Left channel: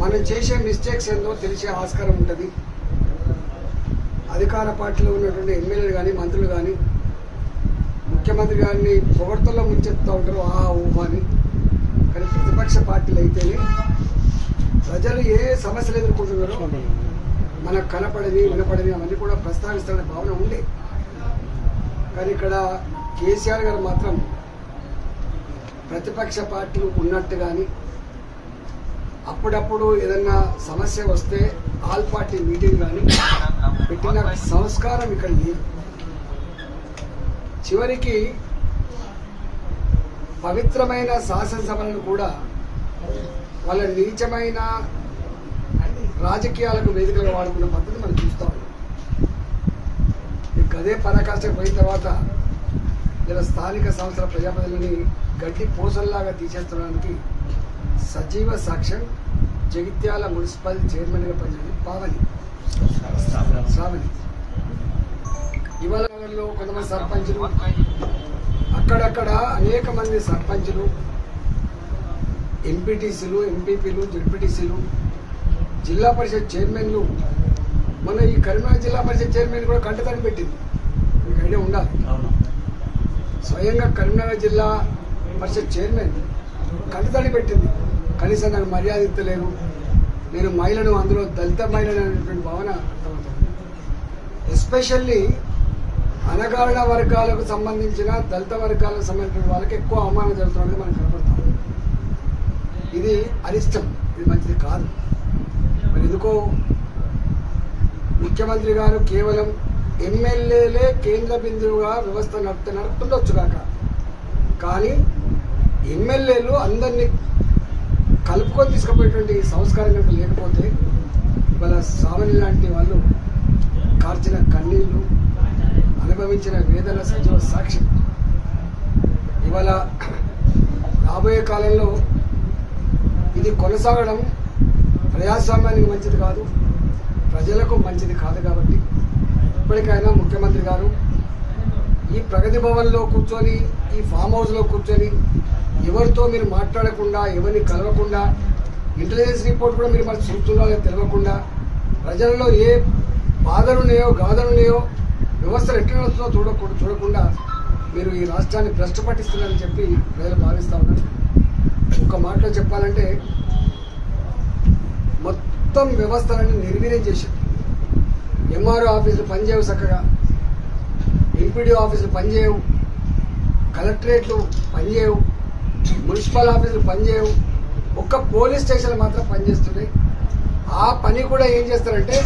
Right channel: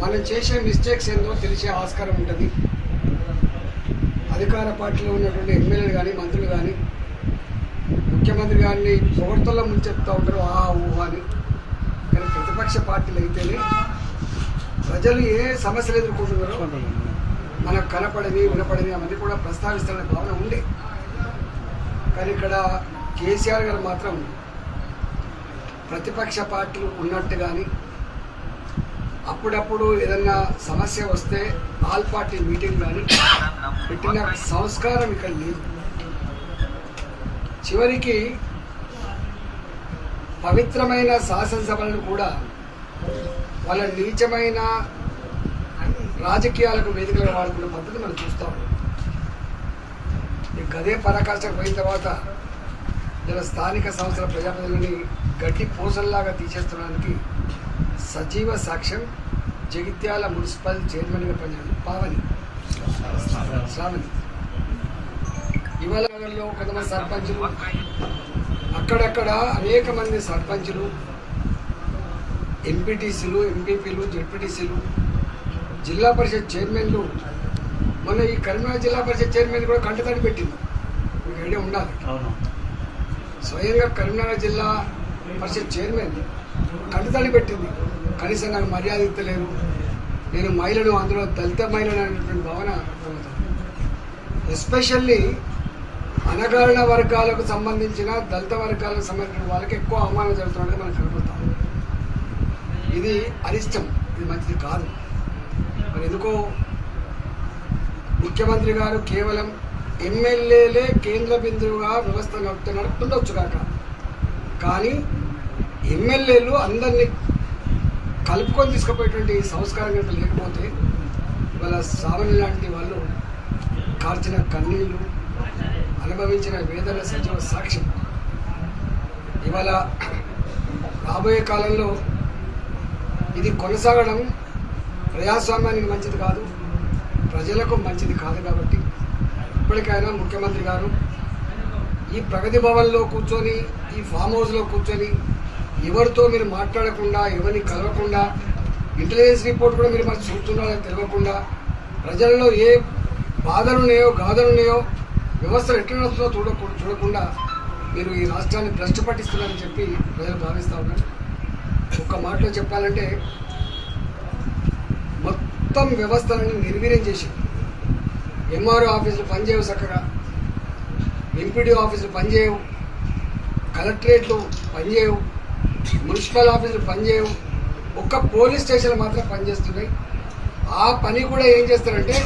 మనం చేసే మిస్టేక్స్ ఏందో తెలిసే ఆస్కారం ఉంటుంది. అధికార పార్టీలో ఉన్నటువంటి ఎమ్మెల్యేలు కానీ మంత్రులు కానీ ముఖ్యమంత్రి గారిని పొగడ్తల్లో ముంచెత్తుతూ ఉంటారు ఆ ఊహ అని. కానీ ప్రతిపక్ష పార్టీలు అయితేనే ప్రజలు ఏ సమస్యలు ఎదుర్కొంటున్నారో మనకు కనపడని వినపడని అవన్నీ కూడా ప్రస్తావిస్తారనే భావన ఉండే. కానీ ఇక్కడ కేసీఆర్ గారు మాత్రం ప్రతిపక్ష పార్టీలు ఉన్నట్టు కానీ అప్పుడప్పుడు ఏదన్నా సమస్య వస్తే ఆల్ పార్టీ మీటింగ్ కానీ పెట్టిన సంస్కారం ఇక్కడ లేదు. చివరికి పవిత్రమైన శాసనసభలను కూడా వాళ్ళ నీచమైన రాజకీయాలకు వేదికలుగా వాడుకున్న పద్ధతి మనం చూస్తాం. ఈ గదే పరాకాష్ఠ పోయిన తర్వాత ఇలా స్థానిక సంస్థల ప్రజాప్రతినిధులని గడ్డి పూసల్లాగా తీసేస్తడానికి సజీవ సాక్ష్యం జగిత్యాల మున్సిపల్ చైర్మన్గా పనిచేసిన పావని శ్రావణి. ఇవాళ కొంతమంది సర్పంచులు, అక్కడక్కడ అనేక మంది సర్పంచులు, ఎంపీటీసీలు, ఎంపీపీలు, జెడ్పీటీసీలు, జిల్లా పరిషత్ చైర్మన్లు, మొన్న ఈ కరీంనగర్ జిల్లా పరిషత్ చైర్మన్ కూడా కంటతడి పెట్టింది. మీకు ఐడియా ఉండాలి. స్వయంగా కరీంనగర్ జిల్లా పరిషత్ చైర్మన్ కంటతడి పెట్టింది. కనీసం నాకు మర్యాద ఇస్తలేదు, నేను మహిళను, అందులో దళిత మహిళను అనేటువంటి భావన అర్థమవుతుంది. ఎస్పెషల్లీ అణగారిన వర్గాలకు సంబంధించిన దళిత వర్గాలకు సంబంధించిన వాళ్ళకి ఎక్కువ అవమానం జరుగుతున్నది మనకు కనబడతాం. ఇది అరిష్టం, ఇది మంచిది కాదు. మరి ఎందుకో ముఖ్యమంత్రి గారు కేవలం ఎమ్మెల్యేలే కేంద్ర బిందువుగా వ్యవస్థ నడుపుతుండొచ్చు కాక, కానీ ఎమ్మెల్యేలు అందరినీ కలుపుకొని తీసుకుపోయేటువంటి సంస్కారం కనుక లేకపోతే ఇవాళ శ్రావణి లాంటి వాళ్ళు కార్చిన కన్నీళ్ళు, అనుభవించిన వేదన సజీవ సాక్ష్యం. ఇవాళ రాబోయే కాలంలో ఇది కొనసాగడం ప్రజాస్వామ్యానికి మంచిది కాదు, ప్రజలకు మంచిది కాదు. కాబట్టి ఇప్పటికైనా ముఖ్యమంత్రి గారు ఈ ప్రగతి భవన్లో కూర్చొని, ఈ ఫామ్ హౌస్లో కూర్చొని ఎవరితో మీరు మాట్లాడకుండా, ఎవరిని కలవకుండా, ఇంటెలిజెన్స్ రిపోర్ట్ కూడా మీరు మరి చూస్తున్నారో తెలియకుండా, ప్రజలలో ఏ బాధలున్నాయో గాథలున్నాయో, వ్యవస్థలు ఎట్లా నడుస్తుందో చూడకుండా మీరు ఈ రాష్ట్రాన్ని భ్రష్టు పట్టిస్తున్నారని చెప్పి ప్రజలు భావిస్తూ ఉన్నారు. ఒక్క మాటలో చెప్పాలంటే మొత్తం వ్యవస్థలను నిర్వీర్యం చేశారు. ఎంఆర్ఓ ఆఫీసులు పనిచేయవు చక్కగా, ఎంపీడీ ఆఫీసులు పనిచేయవు, కలెక్టరేట్లు పనిచేయవు, మున్సిపల్ ఆఫీసులు పనిచేయవు, ఒక్క పోలీస్ స్టేషన్లు మాత్రం పనిచేస్తున్నాయి. ఆ పని కూడా ఏం చేస్తారంటే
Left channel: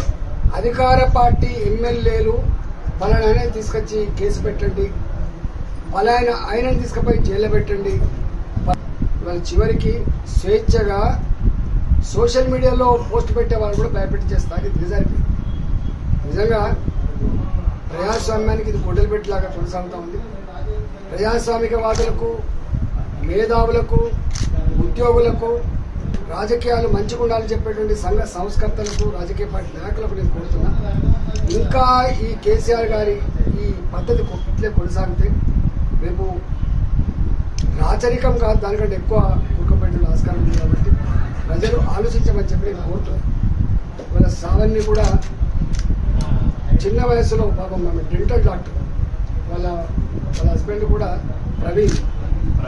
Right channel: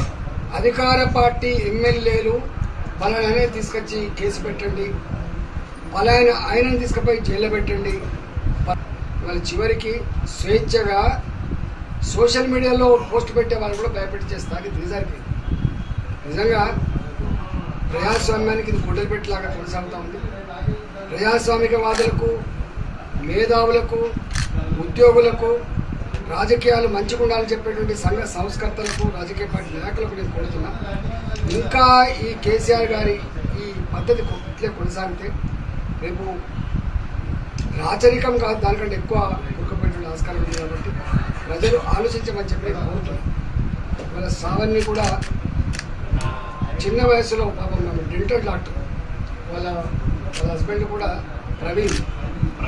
అధికార పార్టీ ఎమ్మెల్యేలు పలానా తీసుకొచ్చి కేసు పెట్టండి, పలానా ఆయనను తీసుకుపోయి జైల్లో పెట్టండి. వాళ్ళ చివరికి స్వేచ్ఛగా సోషల్ మీడియాలో పోస్ట్ పెట్టే వాళ్ళు కూడా భయపెట్టి చేస్తారు. ఇది దిగజారిపోయింది. నిజంగా ప్రజాస్వామ్యానికి ఇది గొడ్డలు పెట్టేలాగా కొనసాగుతూ ఉంది. ప్రజాస్వామికవాదులకు, మేధావులకు, ఉద్యోగులకు, రాజకీయాలు మంచిగా ఉండాలని చెప్పేటువంటి సంఘ సంస్కర్తలకు, రాజకీయ పార్టీ నాయకులకు నేను కోరుతున్నా, ఇంకా ఈ కేసీఆర్ గారి ఈ పద్ధతి ఇట్లే కొనసాగితే రేపు రాచరికం కాదు, దానికంటే ఎక్కువ కూరుకుపోయేటువంటి ఆస్కారం ఉంది. కాబట్టి ప్రజలు ఆలోచించమని చెప్పి నేను కోరుతున్నాను. వాళ్ళ సావన్ని కూడా చిన్న వయసులో పాపం డెంటల్ డాక్టర్, వాళ్ళ హస్బెండ్ కూడా ప్రవీణ్,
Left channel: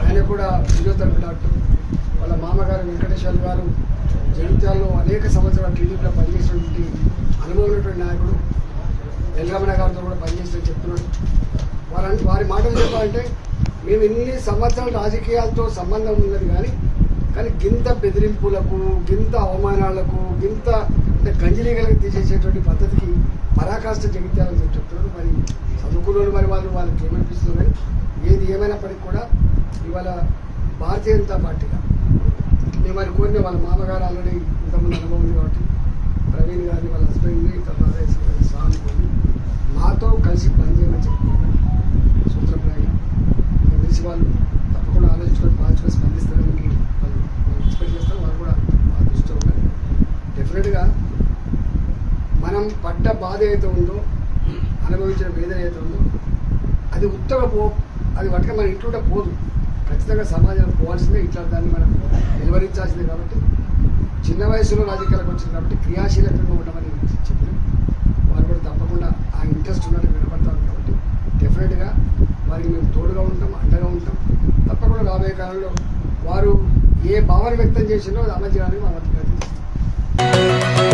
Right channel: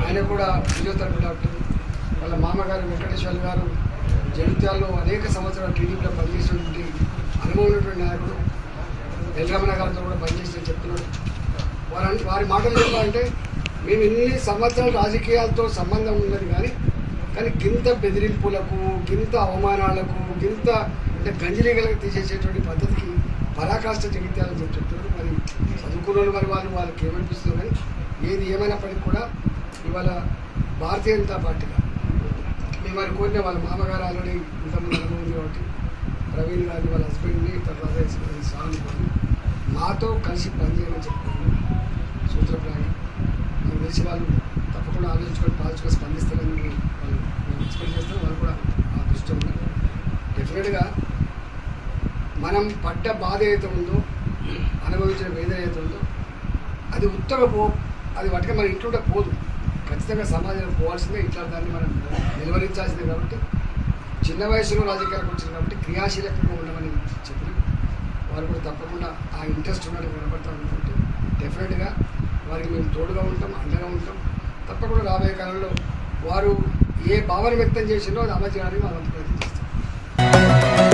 ఆయన కూడా ఫిజియోథెరపీ డాక్టర్. వాళ్ళ మామగారు వెంకటేశ్వర గారు జగిత్యాలలో అనేక సంవత్సరాలు టీడీపీలో పనిచేసినటువంటి అనుభవం ఉన్నటువంటి నాయకుడు. ఎల్రమణ గారితో కూడా పనిచేసినట్టు చెప్తున్నాడు. వారి మాటలు చెప్పాలంటే మేము ఇన్ని సంవత్సరాలు రాజకీయాలతో సంబంధం ఉన్నది కానీ గింత బెదిరింపులకు, గింత అవమానాలకు, గింత అంటే గంజిలీగలకు తీసేసేటువంటి పద్ధతికి పరాకాష్ట జగిత్యాలని చెప్తున్నారు. మరి చదువుకున్న మరి వాళ్ళకి ఏమనిపిస్తుంది. కానీ ఏది ఏమైనప్పటికీ కూడా ఇవాళ భారతీయ జనతా పార్టీగా మేము మరి కోరిన వాళ్ళ మామగారు ఆల్రెడీ ఇంతకుముందు అనుభవం ఉంది కాబట్టి ప్రవీణ్ గారిని, వాళ్ళ హస్బెండ్ని, తర్వాత స్వామి కొని మాతో కలిసి పనిచేయమని చెప్తున్నారు సూత్రప్రాయంగా. నాకు తెలిసి వాళ్ళు తప్పకుండా ఆలోచించుకొని పాల్చుకొని స్పందిస్తారని వాళ్ళు ఎక్స్పెక్ట్ చేస్తారు. వాళ్ళు కూడా ఆ దృష్టిలో ఉన్నారు. డెఫినెట్గా మనం పడ్డ బాధ ఏదైతే ఉందో, అనుభవించిన వేదన ఏదైతే ఉందో అది అది వాటికి మన ఇంట్లో పోదు. ఖచ్చితంగా సమాజంలో పోవాల్సిందే. ఇట్లా దాన్ని మనం నిలువరించాల్సిందే. కాబట్టి చిన్న వయసులో రాజకీయాలకు వచ్చింది కాబట్టి క్రియాశీలకంగా ఉండమని చెప్పినాం. వారు కూడా తప్పకుండా ఆ ఇంట్రెస్ట్ ఉన్నట్టు కనబడతాం. కాబట్టి డెఫినెట్గా వారికి మేము తోడుగా ఉంటాం, అండగా ఉంటాం. తప్పకుండా రాబోయే కాలంలో వారు ఏ భావన వ్యక్తం చేసిందో అది అమలు చేయడానికి వాళ్ళంతా ప్రయత్నం చేస్తాం.